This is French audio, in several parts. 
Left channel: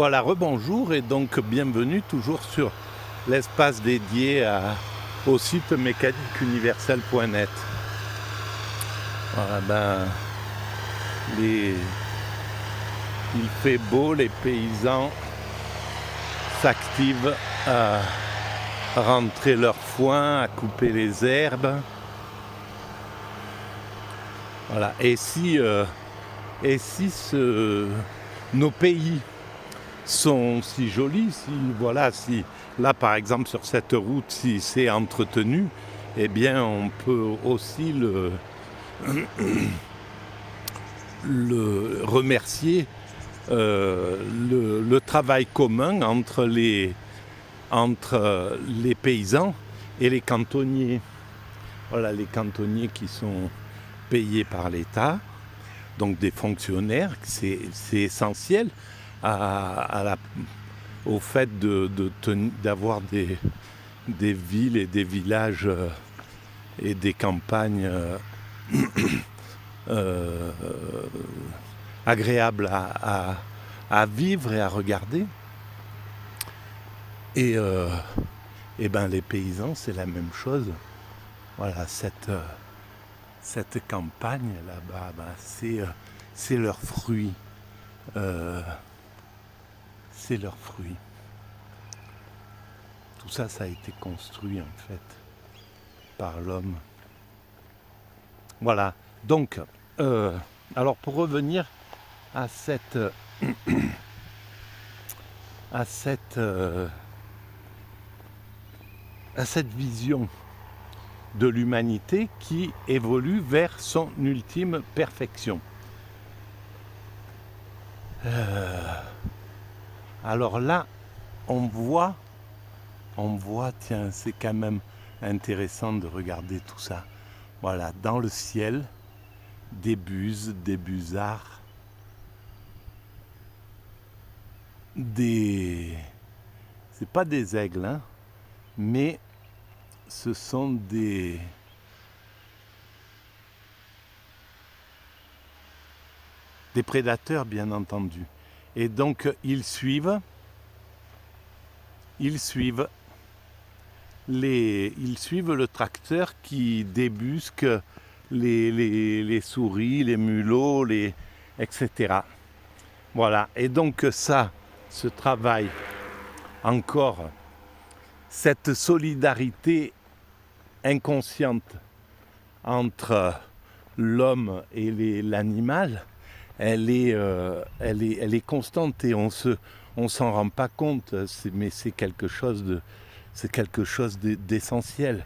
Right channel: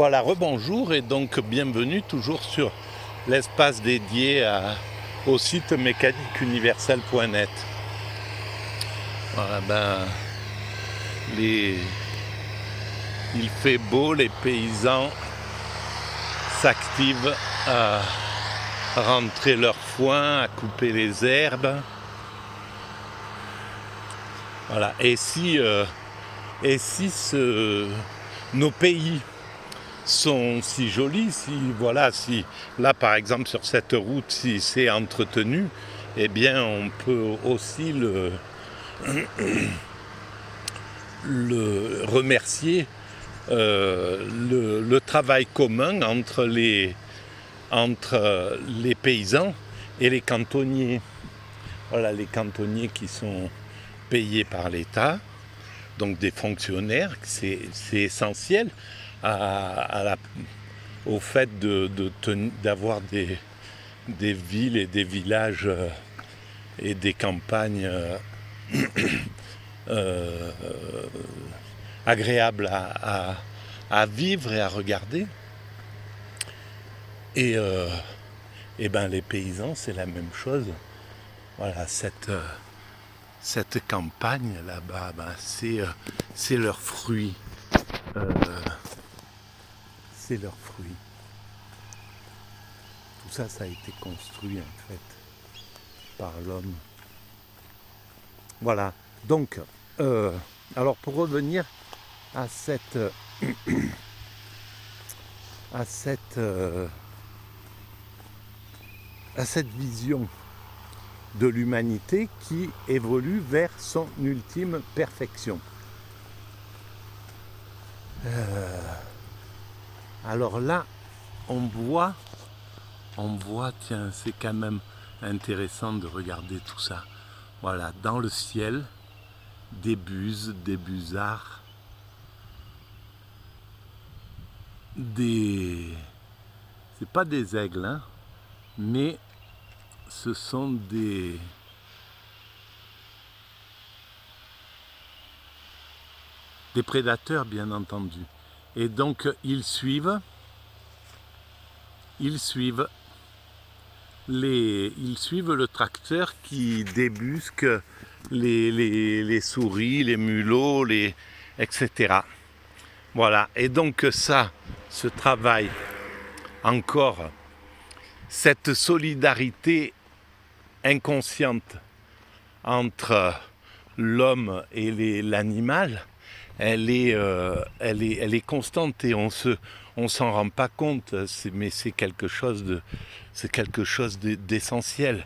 Voilà, rebonjour et donc bienvenue toujours sur l'espace dédié au site mécaniqueuniverselle.net. Voilà, il fait beau, les paysans s'activent à rentrer leur foin, à couper les herbes. Voilà, nos pays sont si jolis, si là par exemple sur cette route, si c'est entretenu, eh bien on peut aussi le remercier le travail commun entre les paysans et les cantonniers. Voilà, les cantonniers qui sont payés par l'État, donc des fonctionnaires, c'est essentiel au fait d'avoir des villes et des villages et des campagnes agréables à vivre et à regarder. Et les paysans, c'est la même chose. Voilà, cette campagne là-bas, c'est leurs fruits. C'est leurs fruits. Tout ça, ça a été construit en fait par l'homme. Voilà. Donc, alors pour revenir à cette vision de l'humanité qui évolue vers son ultime perfection. Alors là, on voit, tiens, c'est quand même intéressant de regarder tout ça. Voilà, dans le ciel, des buses, des busards, c'est pas des aigles, hein, mais ce sont des prédateurs, bien entendu. Et donc ils suivent le tracteur qui débusque les souris, les mulots, etc. Voilà. Et donc ça, ce travail, encore, cette solidarité inconsciente entre l'homme et l'animal, elle est constante et on s'en rend pas compte, mais c'est quelque chose d'essentiel.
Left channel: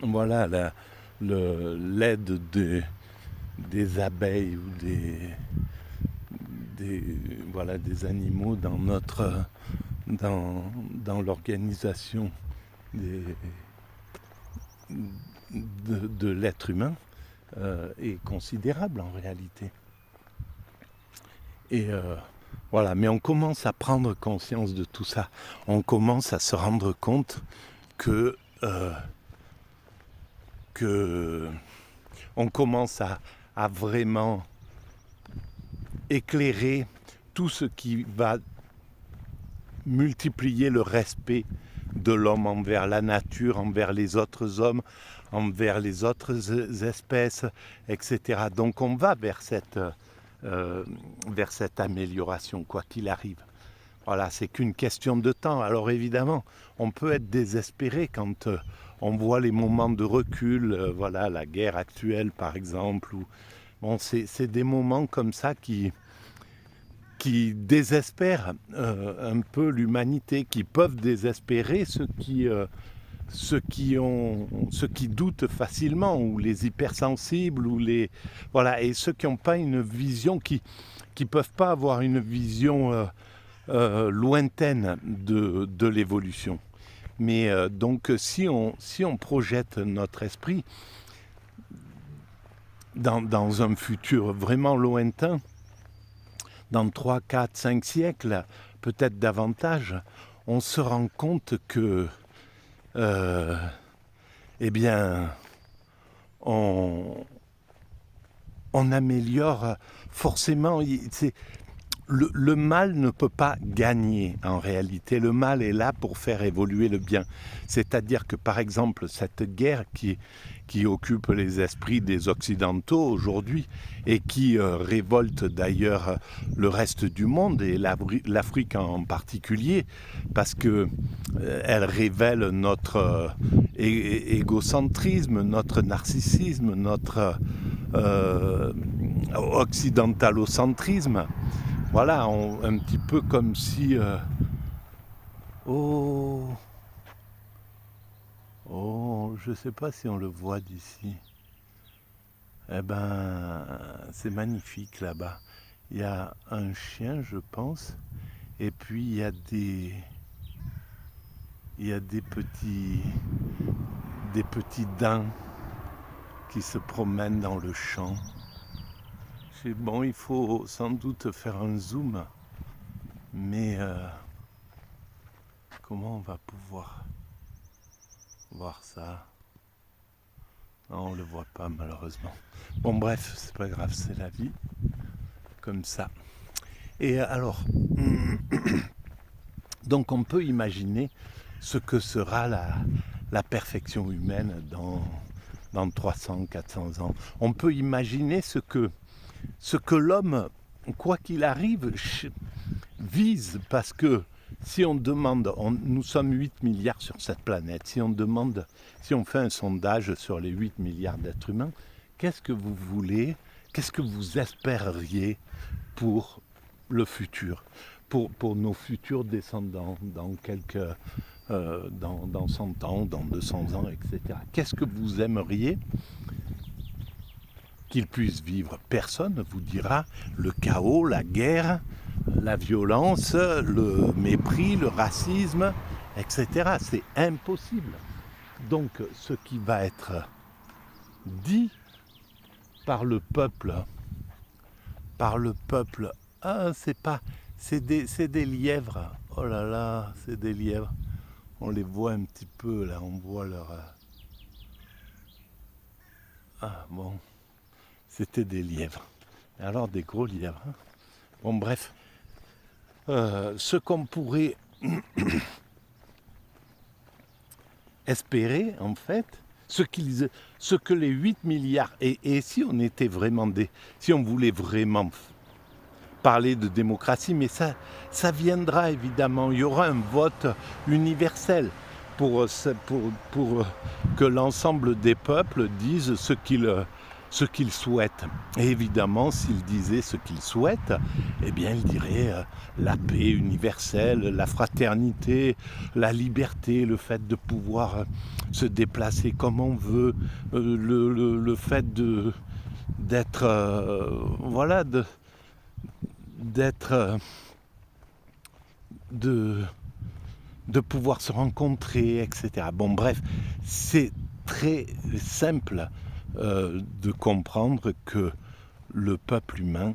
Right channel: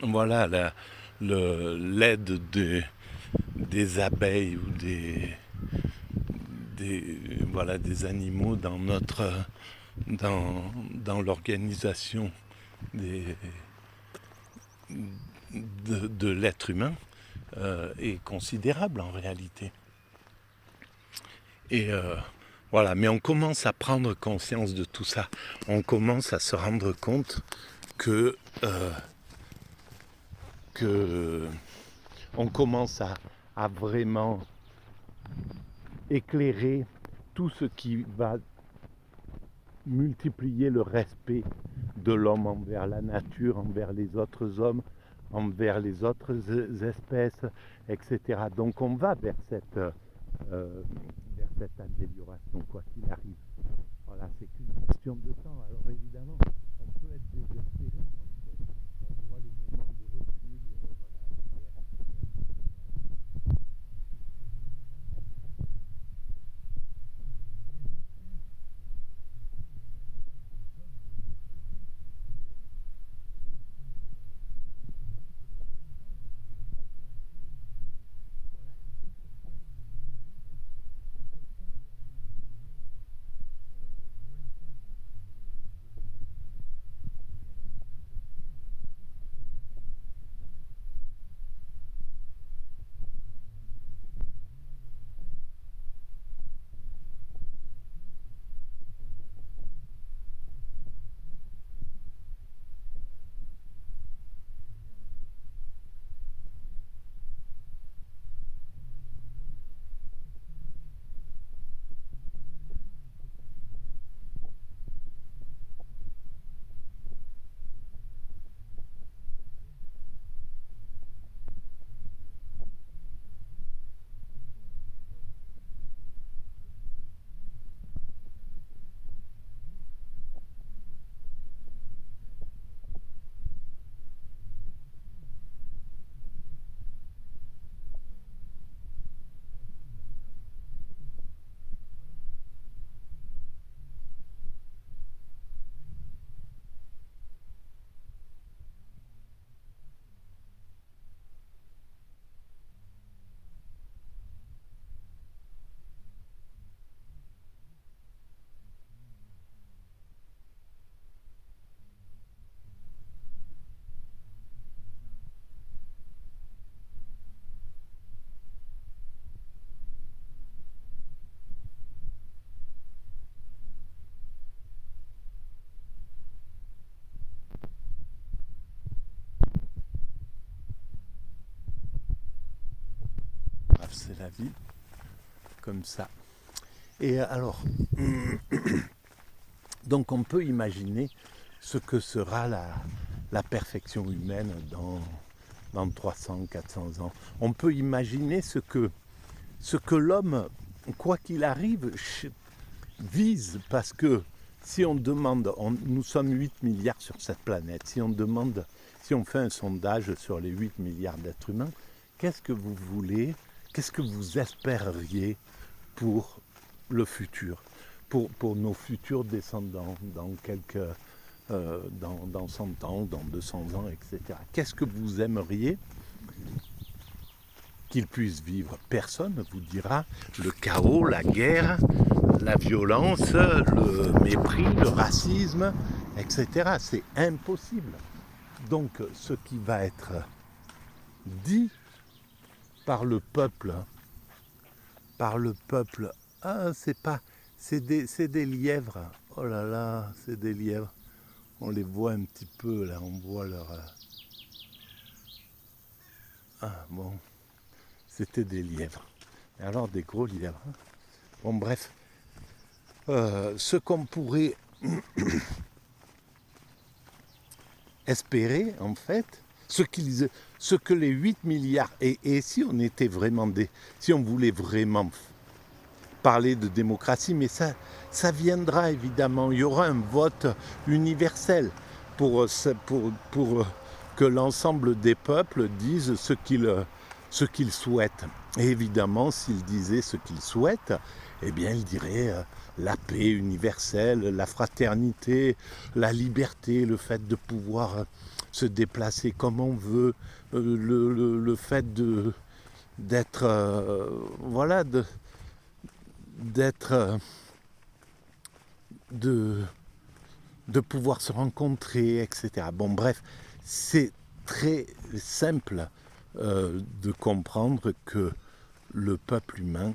Voilà, l'aide des abeilles ou des animaux dans l'organisation de l'être humain est considérable en réalité. Et voilà, mais on commence à prendre conscience de tout ça. On commence à se rendre compte que on commence à vraiment éclairer tout ce qui va multiplier le respect de l'homme envers la nature, envers les autres hommes, envers les autres espèces, etc. Donc on va vers cette amélioration, quoi qu'il arrive. Voilà, c'est qu'une question de temps. Alors évidemment, on peut être désespéré quand on voit les moments de recul, voilà, la guerre actuelle par exemple. C'est des moments comme ça qui désespèrent un peu l'humanité, qui peuvent désespérer ceux qui doutent facilement, ou les hypersensibles, et ceux qui n'ont pas une vision, qui peuvent pas avoir une vision lointaine de l'évolution. Mais donc si on projette notre esprit dans un futur vraiment lointain, dans 3, 4, 5 siècles, peut-être davantage, on se rend compte que on améliore forcément, le mal ne peut pas gagner en réalité. Le mal est là pour faire évoluer le bien. C'est-à-dire que par exemple, cette guerre qui occupe les esprits des Occidentaux aujourd'hui et qui révolte d'ailleurs le reste du monde et l'Afrique en particulier, parce que elle révèle notre égocentrisme, notre narcissisme, notre occidentalocentrisme. Voilà, un petit peu comme si... oh, je ne sais pas si on le voit d'ici. Eh ben, c'est magnifique là-bas. Il y a un chien, je pense, et puis il y a des petits daims qui se promènent dans le champ. Bon, il faut sans doute faire un zoom, mais comment on va pouvoir voir ça? Non, on ne le voit pas malheureusement. Bon bref, c'est pas grave, c'est la vie, comme ça. Et alors, donc on peut imaginer ce que sera la perfection humaine dans 300, 400 ans. On peut imaginer ce que l'homme, quoi qu'il arrive, vise, parce que si on demande, nous sommes 8 milliards sur cette planète, si on fait un sondage sur les 8 milliards d'êtres humains, qu'est-ce que vous voulez, qu'est-ce que vous espériez pour le futur, pour nos futurs descendants dans dans 100 ans, dans 200 ans, etc. Qu'est-ce que vous aimeriez qu'ils puissent vivre? Personne ne vous dira le chaos, la guerre, la violence, le mépris, le racisme, etc. C'est impossible. Donc ce qui va être dit par le peuple, c'est des lièvres. Oh là là, c'est des lièvres. On les voit un petit peu là, on voit leur... Ah bon, c'était des lièvres. Alors des gros lièvres. Bon bref, ce qu'on pourrait espérer en fait, ce que les 8 milliards, et si on était vraiment si on voulait vraiment parler de démocratie, mais ça viendra évidemment, il y aura un vote universel pour que l'ensemble des peuples disent ce qu'ils souhaitent. Et évidemment, s'ils disaient ce qu'ils souhaitent, eh bien, ils diraient la paix universelle, la fraternité, la liberté, le fait de pouvoir se déplacer comme on veut, le fait d'être, voilà, de pouvoir se rencontrer, etc. Bon, bref, c'est très simple de comprendre que le peuple humain,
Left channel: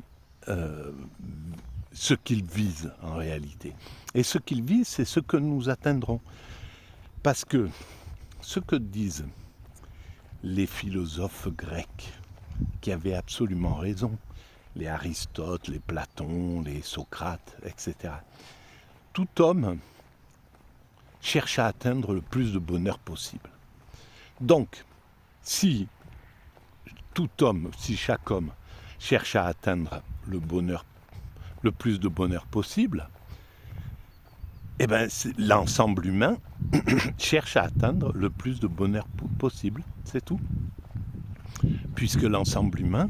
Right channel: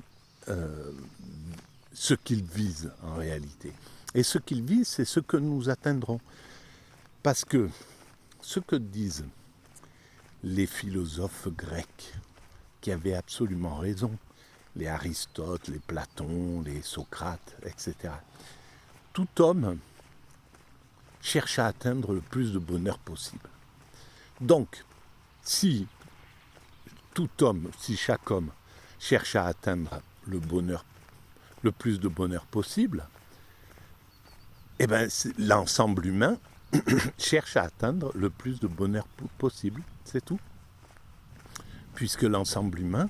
ce qu'il vise en réalité. Et ce qu'il vise, c'est ce que nous atteindrons. Parce que ce que disent les philosophes grecs, qui avaient absolument raison, les Aristote, les Platon, les Socrate, etc. Tout homme cherche à atteindre le plus de bonheur possible. Donc, si chaque homme cherche à atteindre le plus de bonheur possible, eh bien, l'ensemble humain cherche à atteindre le plus de bonheur possible, c'est tout. Puisque l'ensemble humain,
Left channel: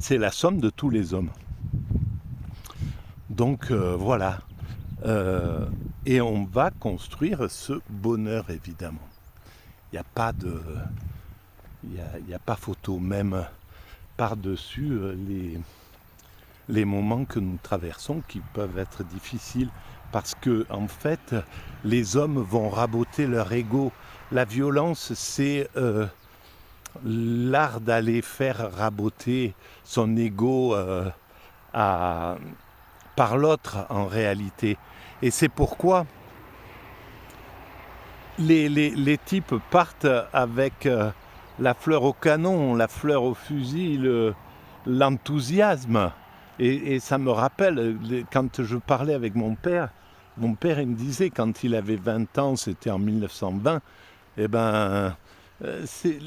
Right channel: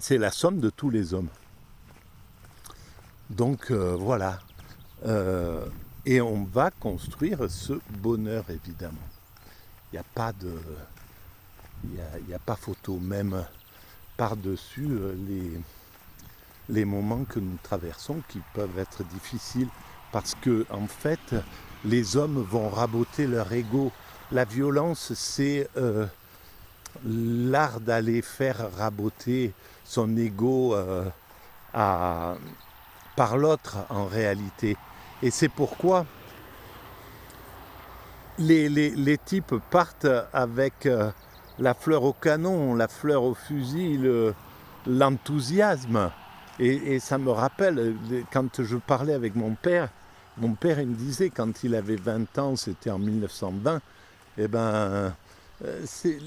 c'est la somme de tous les hommes. Donc voilà. Et on va construire ce bonheur, évidemment. Il n'y a pas photo, même par-dessus les moments que nous traversons qui peuvent être difficiles parce que, en fait, les hommes vont raboter leur ego. La violence, c'est l'art d'aller faire raboter son ego par l'autre en réalité. Et c'est pourquoi les types partent avec la fleur au canon, la fleur au fusil, l'enthousiasme. Et ça me rappelle, quand je parlais avec mon père il me disait, quand il avait 20 ans, c'était en 1920, eh ben, c'est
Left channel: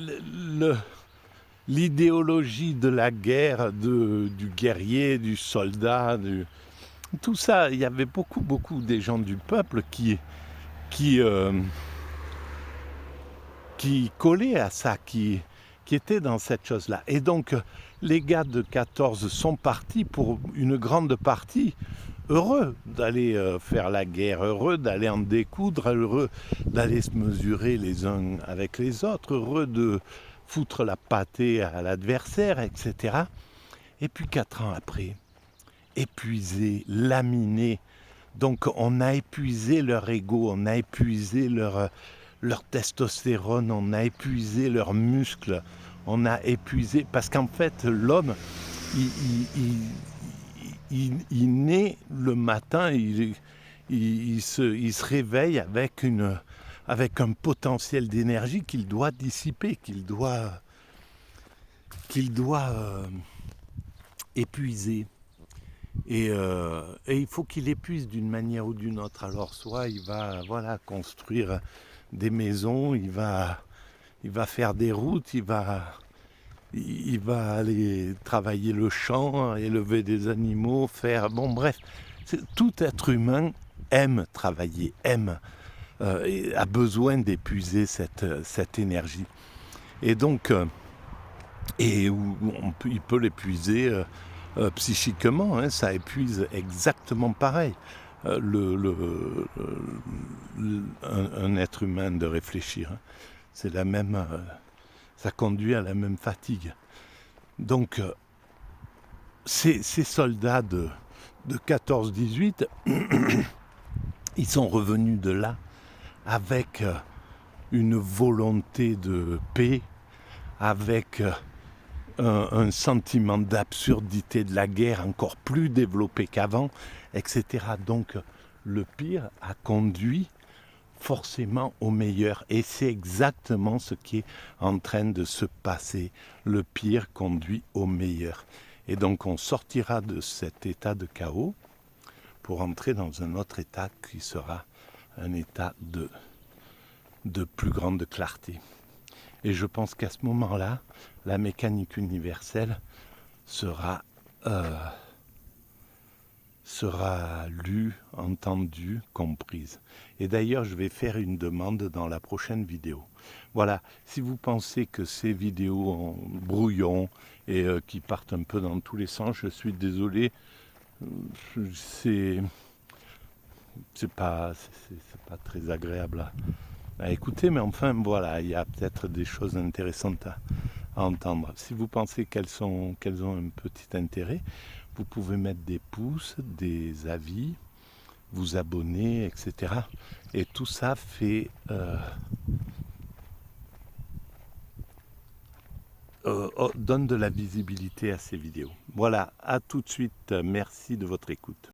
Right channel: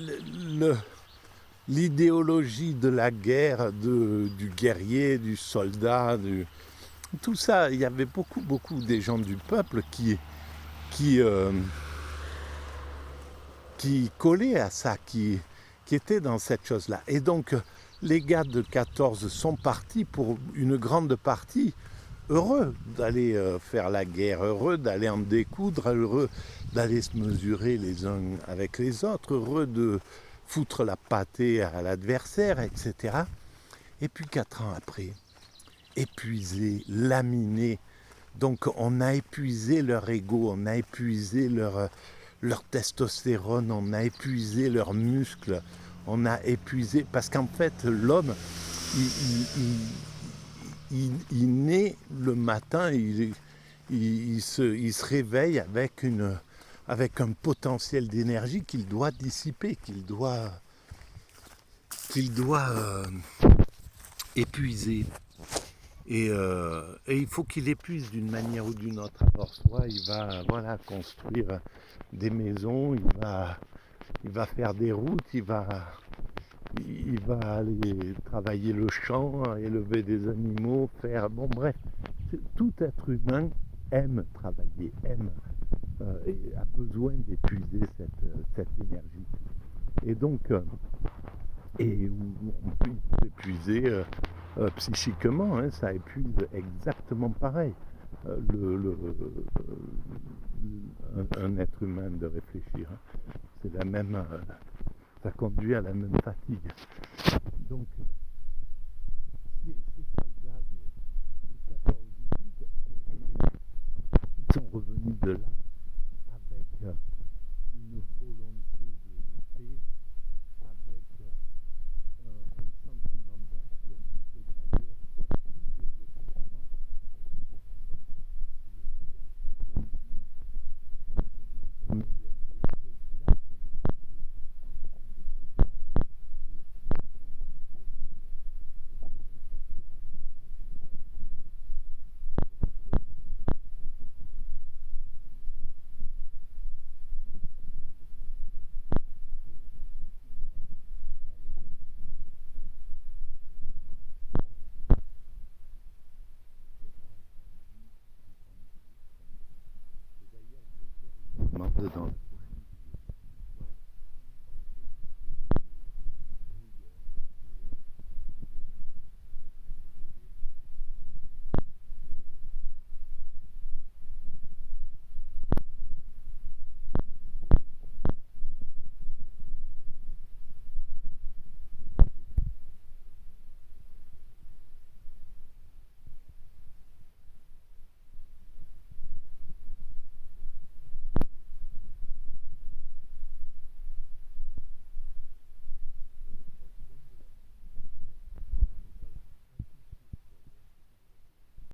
l'idéologie de la guerre, du guerrier, du soldat, tout ça, il y avait beaucoup des gens du peuple qui collaient à ça, qui étaient dans cette chose-là. Et donc, les gars de 14 sont partis pour une grande partie heureux d'aller faire la guerre, heureux d'aller en découdre, heureux d'aller se mesurer les uns avec les autres, heureux de foutre la pâtée à l'adversaire, etc. Et puis 4 ans après, épuisés, laminés, donc on a épuisé leur ego, on a épuisé leur testostérone, on a épuisé leurs muscles, on a épuisé, parce qu'en fait l'homme, il naît le matin, il se réveille avec un potentiel d'énergie qu'il doit dissiper, qu'il doit épuiser. Et il faut qu'il épuise d'une manière ou d'une autre. Alors soit il va construire des maisons, il va faire des routes, il va aller travailler le champ, élever des animaux, bon bref, tout être humain aime travailler, et a besoin d'épuiser cette énergie. Et donc, il peut l'épuiser psychiquement, hein, ça épuise exactement pareil. Un être humain de réfléchir, hein. C'est la même, ça conduit à la même fatigue. Donc, ces soldats de 14-18, ils sont revenus de là avec une volonté de paix, avec un sentiment d'absurdité de la guerre encore plus développé qu'avant, etc. Donc le pire a conduit forcément au meilleur. Et c'est exactement ce qui est en train de se passer. Le pire conduit au meilleur. Et donc on sortira de cet état de chaos pour entrer dans un autre état qui sera un état de plus grande clarté. Et je pense qu'à ce moment-là, la mécanique universelle sera lue, entendue, comprise. Et d'ailleurs, je vais faire une demande dans la prochaine vidéo. Voilà, si vous pensez que ces vidéos en brouillon et qui partent un peu dans tous les sens, je suis désolé. C'est pas très agréable à écouter, mais enfin voilà, il y a peut-être des choses intéressantes à entendre. Si vous pensez qu'elles ont un petit intérêt, vous pouvez mettre des pouces, des avis, vous abonner, etc. Et tout ça donne de la visibilité à ces vidéos. Voilà, à tout de suite, merci de votre écoute.